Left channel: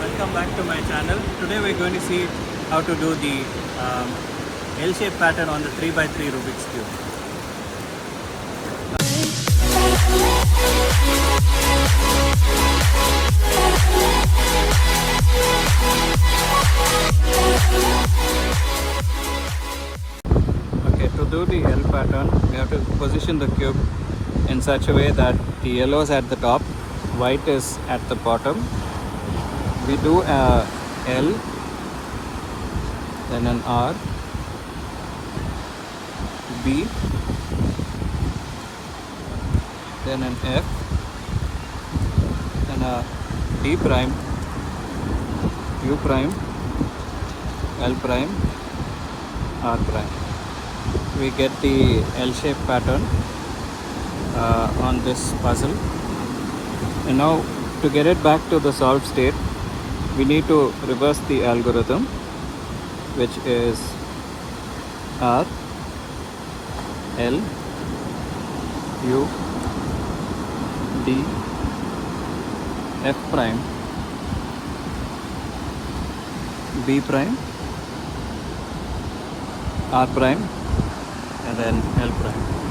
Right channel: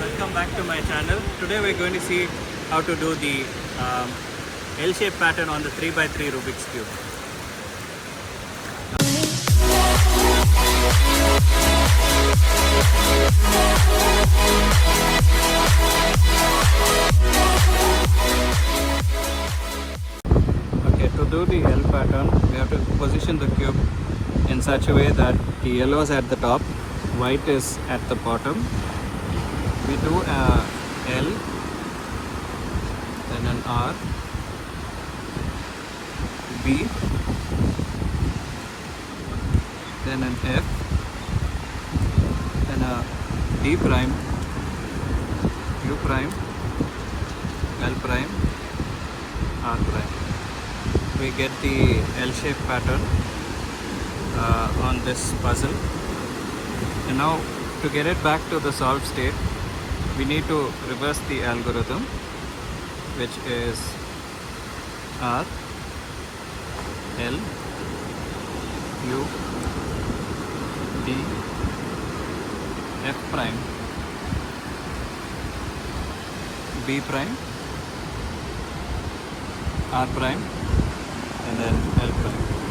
Welcome back to my channel. Today we're going to see how to do the L-shaped pattern on the 3x3 Rubik's Cube. Okay, to do the L pattern, we have to position the cube in such a way that the yellow is at the top, white is at the bottom. We do a L, then an R, B, then an F, then a D prime, U prime, L prime, R prime. We get the L-shaped pattern on this puzzle. And now to get it back to the solved state, we need to reverse the algorithm, which is R, L, U, D, F prime, B prime, R prime, and then L prime.